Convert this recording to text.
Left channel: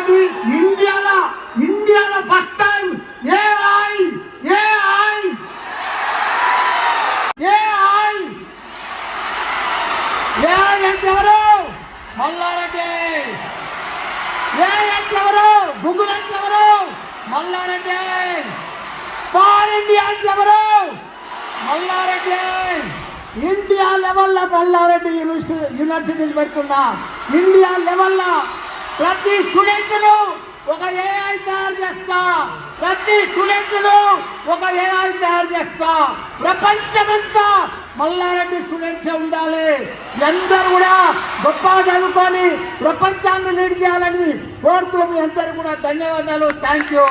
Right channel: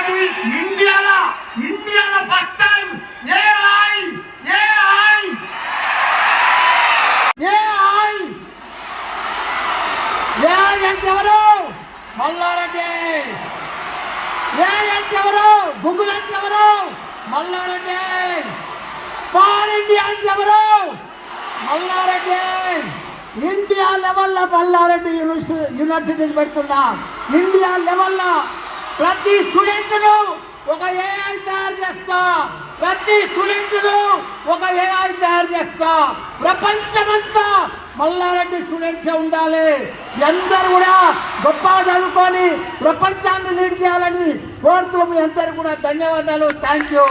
ఇంకోటి ఇండియాలో first time AI అంటే ఎవరు? మల్లారెడ్డి. ఏఐ అంటే ఎవరు? గూగుల్ అంటే ఎవరు? మల్లారెడ్డి. పాన్ ఇండియా అంటే ఎవరు? మల్లారెడ్డి. ఇండియా లెవెల్లో మల్లారెడ్డి యూనివర్సిటీస్ పెడుతున్నాం. ఇండియా లెవెల్లో ప్రతి స్టూడెంట్ను ఒక ఏఐ తయారు చేస్తా. ప్రతి స్టూడెంట్ను ఒక ఏఐ తయారు చేస్తా. ప్రపంచమంతా మల్లారెడ్డి స్టూడెంట్సే ఉండాలి. అందరూ కూడా గొప్ప చదువుకొని ప్రపంచాన్ని లీడ్ చేయాలని కోరుతూ మీ అందరూ కూడా ధన్యవాదాలు. Thank you.